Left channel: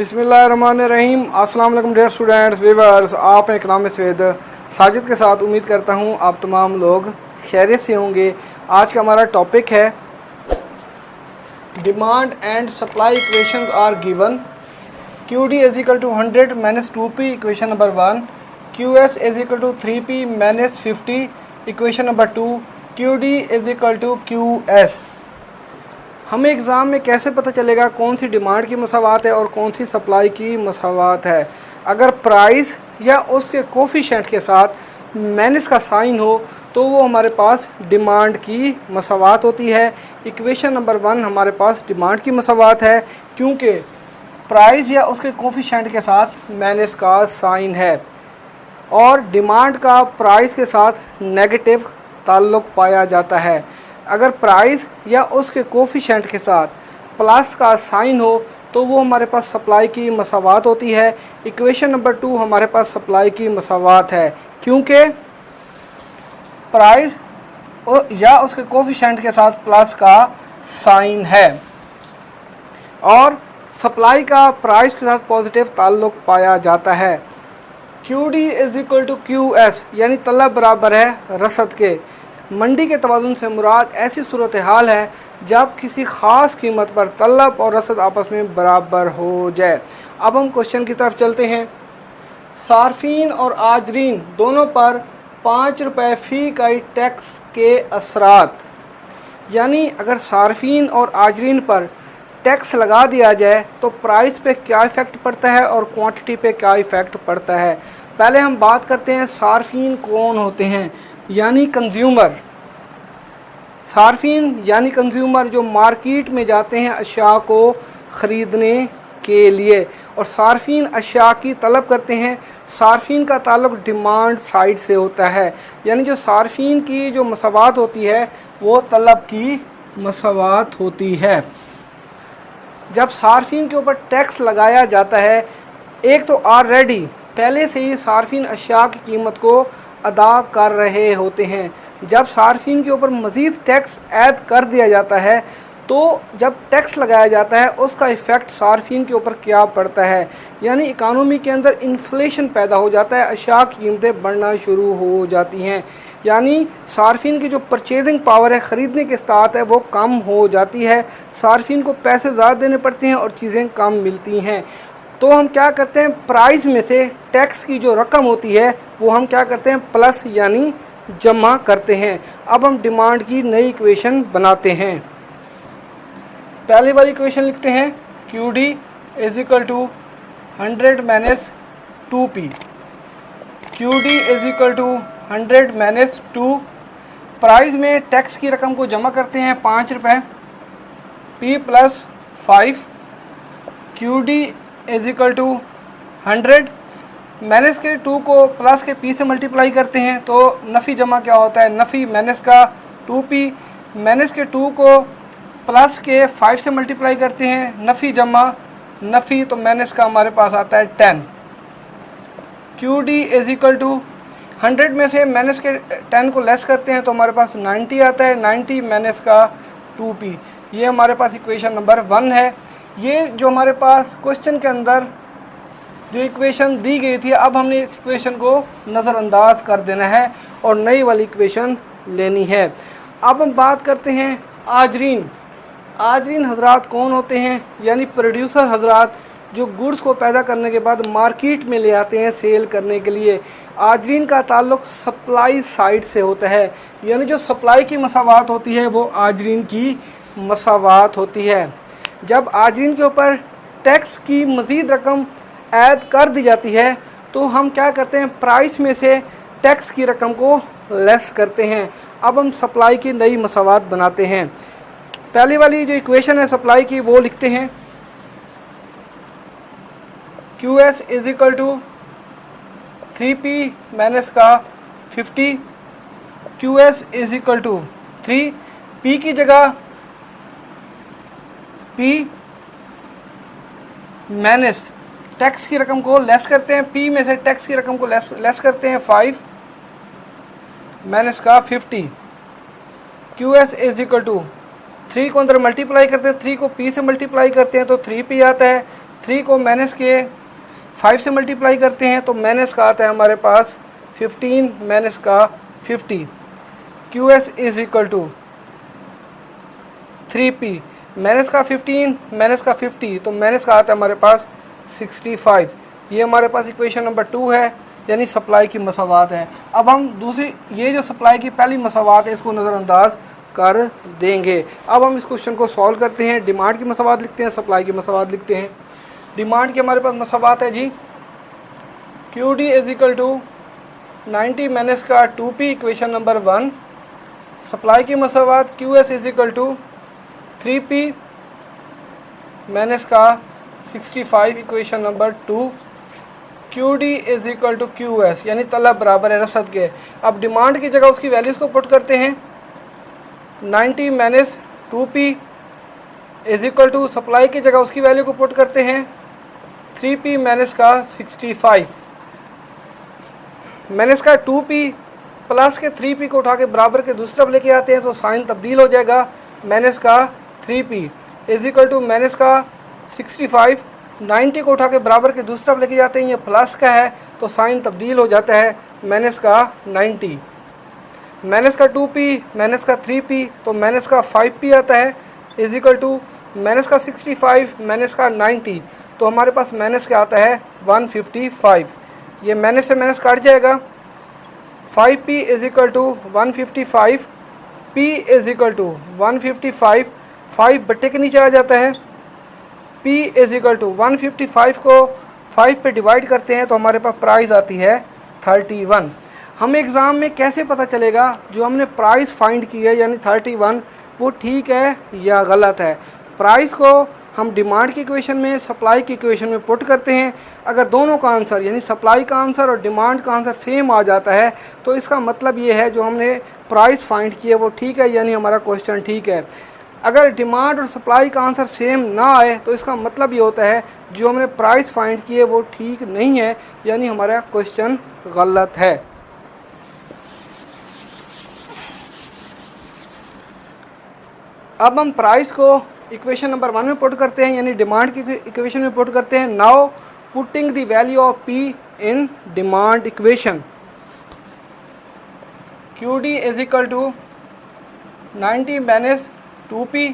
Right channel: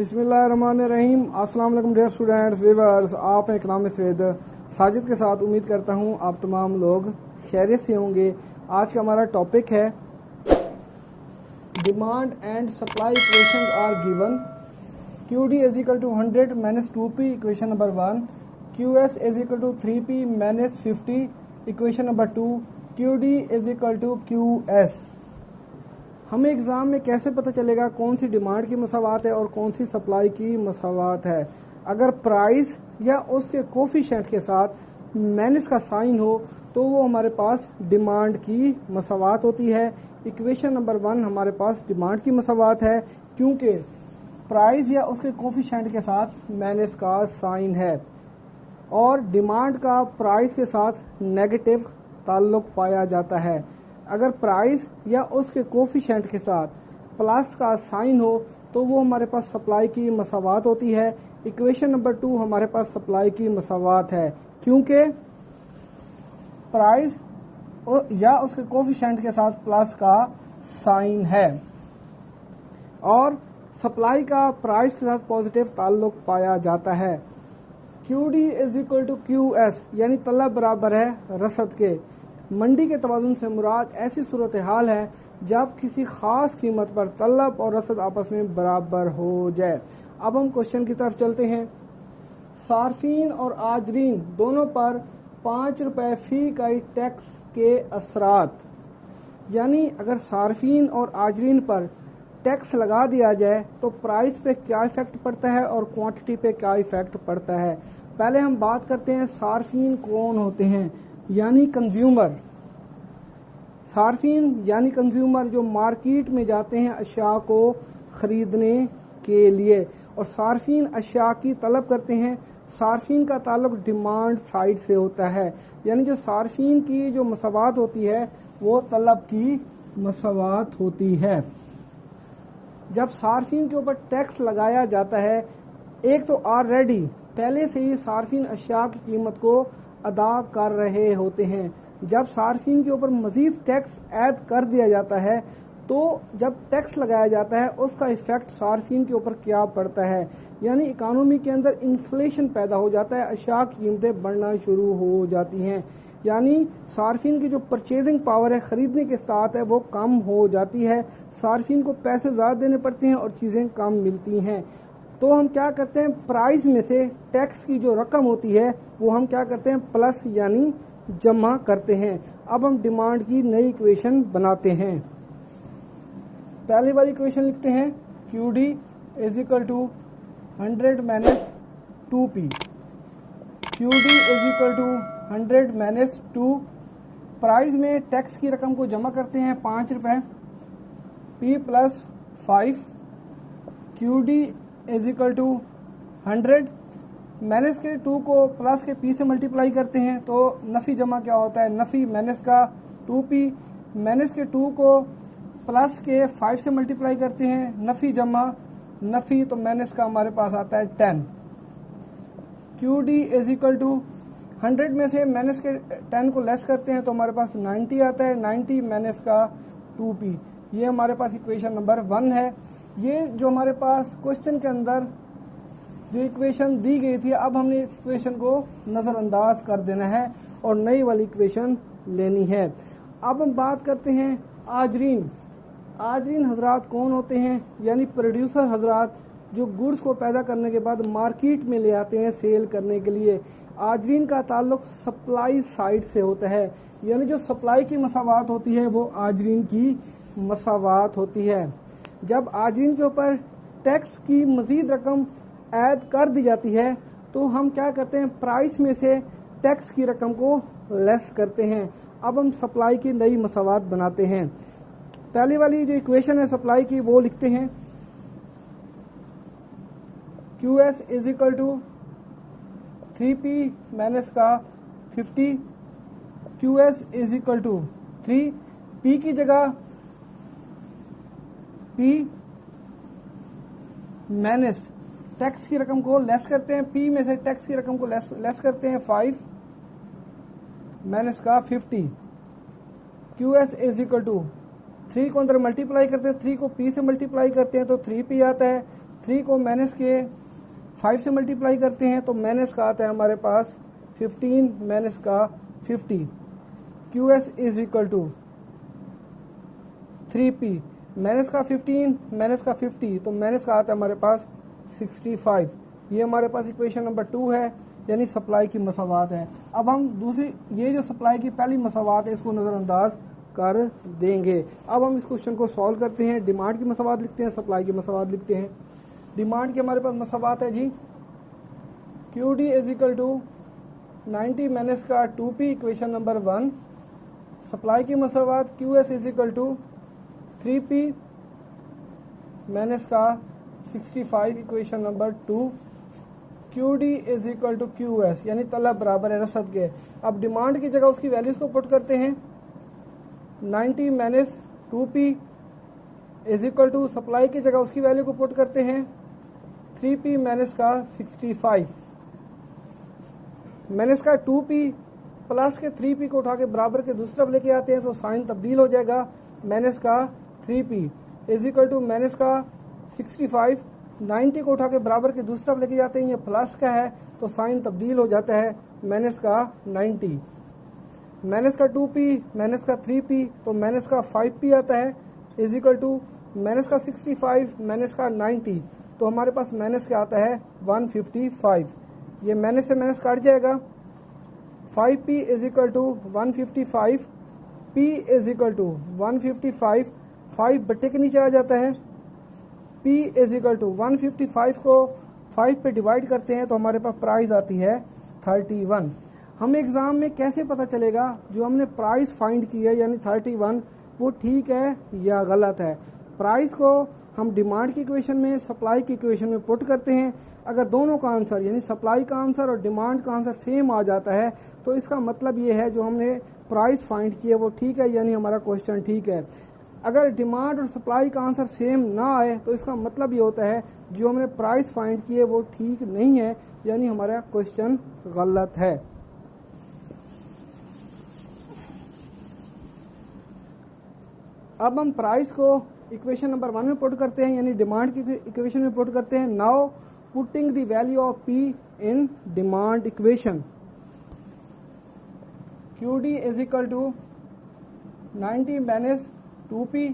बिस्मिल्लाहिर्रहमानिर्रहीम। अस्सलाम वालेकुम डियर स्टूडेंट्स व्यूअर्स, आप इकनॉमिक्स विद साजिद के साथ। उम्मीद करता हूँ आप तमाम लोग खैरियत से होंगे। आज का हमारा टॉपिक है demand and supply equations are given. Q D is equal to 100 minus 2p equation number 1, Q S is equal to 3p minus 50 equation number 2, Q D is equal to Q S. हमें exam में कैसे पता चलेगा कौन सी demand की मसावात है और कौन सी सप्लाई की मसावात है? अगर प्राइस या उसके कोफिशेंट के साथ माइनस का साइन हो तो वो हमारे पास डिमांड की मसावात होती है। इक्वेशन नंबर 1 हमारे पास डिमांड की मसावात है क्योंकि प्राइस या उसके कोफिशेंट के साथ माइनस का साइन है और डिमांड का प्राइस के साथ नेगेटिव ताल्लुक़ पाया जाता है। अगर प्राइस या उसके कोफिशेंट के साथ प्लस का साइन हो तो वो हमारे पास सप्लाई की मसावात होती है। इक्वेशन नंबर 2 हमारे पास सप्लाई की मसावात है क्योंकि प्राइस या उसके कोफिशेंट के साथ प्लस का साइन है और सप्लाई का प्राइस के साथ पॉजिटिव ताल्लुक़ पाया जाता है। Q D is equal to Q S यानी तलब बराबर है रसद के। मंडी के तवाज़ुन से मुराद ऐसी सूरत हाल है जब किसी ख़ास कीमत पर तलब और रसद आपस में बराबर हो जाए। अब हम क्वेश्चन की तरफ चलते हैं। सार्फिन और आजरीन दोनों पर 5 रुपये फ़ी इकाई टैक्स के असरात, यानी अगर सार्फिन और आजरीन पर टैक्स लगा दिया जाए तो प्राइस पे क्या इफ़ेक्ट पड़ता है और क्वांटिटी पे क्या इफ़ेक्ट पड़ता है। पहले हम बात करते हैं सार्फिन कौन होते हैं, यानी कंज्यूमर। सार्फिन यानी कंज्यूमर जो मार्केट में जाते हैं अशिया को ख़रीदने के लिए और सार्फिन अशिया की तलब करते हैं। सार्फिन का ताल्लुक़ डिमांड साइड से होता है, यानी जो सार्फिन की जो मसावात होती है वो तलब की मसावात होती है। जब सार्फिन के ऊपर टैक्स लगाया जाता है, एक तो ऑलरेडी पहले से ही सार्फिन अशिया की कीमत को अदा कर रहे होते हैं। जब सार्फिन के ऊपर मज़ीद टैक्स ऐड कर दिया जाता है तो जब टैक्स लगाया जाता है उसका इफ़ेक्ट सार्फिन के ऊपर क्या पड़ता है, यानी इकानमी के अंदर इन्फ्लेशन पैदा हो जाता है, अशिया की कीमतें बढ़ना शुरू हो जाती हैं, यानी सार्फिन की जो परचेजिंग पावर है, ख़रीदने की इस्तात है, वो कम हो जाती है। सार्फिन को पैसे ज़्यादा देने पड़ते हैं और चीज़ें कम मिलती हैं। तो हम क्या करते हैं, प्राइस में से टैक्स की जो रकम होती है वो हम क्या करते हैं, प्लस यानी जमा करते हैं। अब हम डिमांड की नई इक्वेशन बनाते हैं। पहली वाली इक्वेशन लिखते हैं Q D is equal to 100 minus 2p। Q D is equal to 100 minus 2। Price में टैक्स की रकम को जमा करते हैं 5 रुपये, p plus 5। Q D is equal to 100 minus के 2 को प्लस के p से मल्टीप्लाई करते हैं तो नफ़ी जमा क्या होता है, नफ़ी माइनस का 2p, माइनस के 2 को प्लस के 5 से मल्टीप्लाई करते हैं, नफ़ी जमा नफ़ी, तो माइनस का हमारे पास आता है 10। Q D is equal to 100 में से माइनस के 10 को लेस करते हैं तो हमारे पास 90 आता है, 90 माइनस का 2p। ये हमारे पास इक्वेशन नंबर 1 है। ये जो हमारे पास क्वेश्चन के अंदर जो इक्वेशन दी गई थी, अब हमने इस इक्वेशन को नज़रअंदाज कर देना है और नई वाली इक्वेशन लेनी है। अब हम बात करते हैं आजरीन। आजरीन हजरात कौन होते हैं, यानी प्रोड्यूसर हजरात जो गुड्स को पैदा करने के बाद मार्केट में ले आते हैं सेल करने के लिए। आजरीन का ताल्लुक़ सप्लाई साइड से होता है, यानी जो सप्लाई की मसावात होती है वो आजरीन की मसावात होती है। जब आजरीन के ऊपर टैक्स की मज़ीद रकम ऐड कर दी जाती है तो हम क्या करते हैं, प्राइस में से टैक्स की रकम को लेस करते हैं। अब हम सप्लाई की नई मसावात बनाते हैं। पहली वाली जो इक्वेशन है सप्लाई की वो लिखते हैं Q S is equal to 3p minus का 50। Q S is equal to 3, p की जगह p माइनस टैक्स की रकम को लेस करते हैं, p में से टैक्स की रकम को लेस करते हैं 5 माइनस का 50। Q S is equal to 3 को अंदर मल्टीप्लाई करते हैं, 3 को p से मल्टीप्लाई करते हैं तो 3p आता है, 3 को माइनस के 5 से मल्टीप्लाई करते हैं तो माइनस का आता है हमारे पास 15 माइनस का 50। QS is equal to 3P minus का 15 माइनस का 50 तो माइनस का आता है हमारे पास 65। ये हमारे पास इक्वेशन नंबर 2 है, यानी सप्लाई की मसावात है। अब हम दूसरी ये जो सप्लाई की पहली मसावात है इसको नज़रअंदाज कर देंगे। अब हम इस क्वेश्चन को सॉल्व करते हैं। डिमांड की मसावात लिखते हैं, सप्लाई की मसावात लिखते हैं। डिमांड की हमारे पास मसावात है जी QD is equal to 90 minus का 2P इक्वेशन नंबर 1। सप्लाई की मसावात QS is equal to 3P minus का 65 equation number 2। QD is equal to QS यानी तलब बराबर है रसद के। अब डिमांड की जगह उसकी वैल्यूज़ को पुट करते हैं। 90 minus 2P is equal to supply की जगह उसकी वैल्यू को पुट करते हैं 3P माइनस का 65 माइनस का 2P प्लस के 3P को उठा के बराबर के दूसरी तरफ लेके आते हैं तो साइन तब्दील हो जाएगा। माइनस का 3P is equal to minus का 65 90 को उठा के बराबर के दूसरी तरफ लेके जाते हैं, ये प्लस का है तो साइन तब्दील हो जाता है माइनस का 90। माइनस का 2P माइनस का 3P तो माइनस का 5P आता है इज इक्वल टू माइनस का 65 माइनस का 90 तो हमारे पास माइनस का आता है 155। ये माइनस से माइनस काट जाएगा। 5P is equal to 155 P is equal to 155 5 बट्टे के नीचे आ जाता है। P इज इक्वल टू 155 को 5 पे डिवाइड करते हैं तो हमारे पास प्राइस आती है 31। हमें एग्ज़ाम में कैसे पता चलेगा जो हमने प्राइस फाइंड की है यानी 31 वो ठीक है या गलत है? प्राइस को हम डिमांड की इक्वेशन में सप्लाई की इक्वेशन में पुट करते हैं। अगर दोनों का आंसर यानी सप्लाई का आंसर और डिमांड का आंसर सेम आ जाता है तो इसका मतलब ये है जो हमने प्राइस फाइंड किया वो ठीक है यानी हमारा क्वेश्चन ठीक है। अगर डिमांड और सप्लाई का आंसर सेम ना आए तो इसका मतलब ये होता है जो हमने प्राइस फाइंड किए वो ठीक नहीं है यानी हमारा क्वेश्चन गलत है। अब हम प्राइस को इक्वेशन नंबर 1 में पुट करते हैं यानी डिमांड की इक्वेशन में पुट करते हैं। Now putting the value of P in demand equation. QD is equal to 90 minus 2P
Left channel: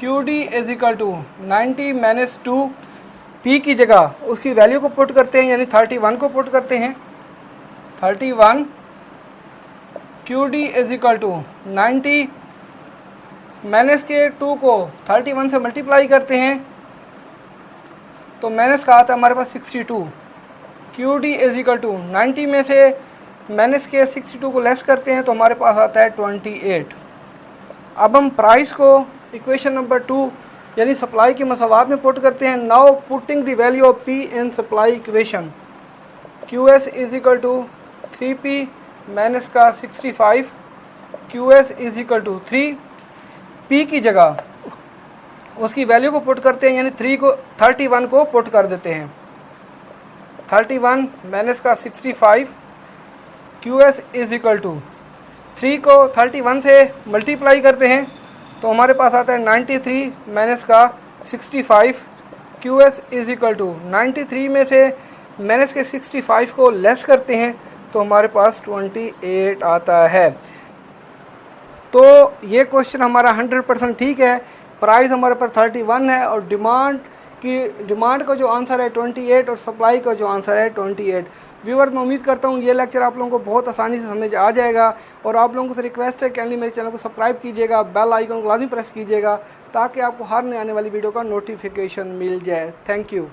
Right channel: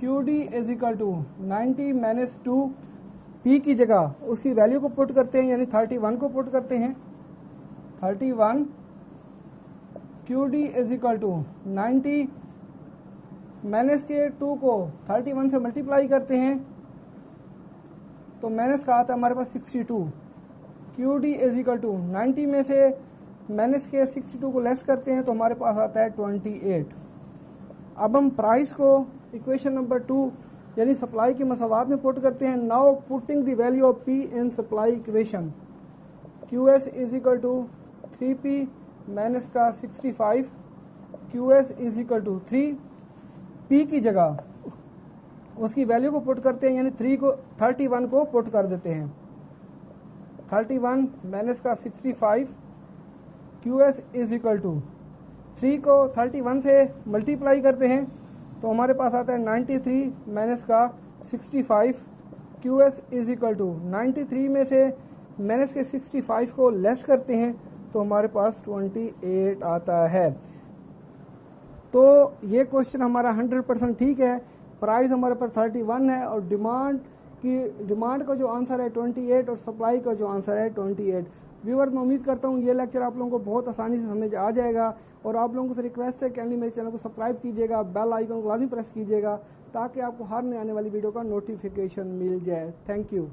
QD is equal to 90 minus 2P की जगह उसकी वैल्यू को पुट करते हैं यानी 31 को पुट करते हैं। 31 QD is equal to 90 minus के 2 को 31 से मल्टीप्लाई करते हैं तो माइनस का आता है हमारे पास 62। QD इज इक्वल टू 90 में से माइनस के 62 को लेस करते हैं तो हमारे पास आता है 28। अब हम प्राइस को इक्वेशन नंबर 2 यानी सप्लाई की मसावात में पुट करते हैं। Now putting the value of P in supply equation. QS is equal to 3P minus का 65 QS is equal to 3 P की जगह उसकी वैल्यू को पुट करते हैं यानी 31 को पुट कर देते हैं। 31 माइनस का 65 QS इज इक्वल टू 3 को 31 से मल्टीप्लाई करते हैं तो हमारे पास आता है 93 माइनस का 65 QS इज इक्वल टू 93 में से माइनस के 65 को लेस करते हैं तो हमारे पास 28 आता है। तो ये क्वेश्चन हमारा 100% ठीक है। प्राइस हमारे पास 31 है और डिमांड का जो आंसर है 28 और सप्लाई का जो आंसर है 28। व्यूअर्स मैं उम्मीद करता हूँ ये लेक्चर आप लोगों को बहुत आसानी से समझ आ जाएगा और आप लोगों से रिक्वेस्ट है कि मेरे चैनल को सब्सक्राइब कीजिएगा, बेल आइकन को लाजमी प्रेस कीजिएगा ताकि आपको हर नए आने वाली वीडियो का नोटिफिकेशन मिल जाए। Thank you.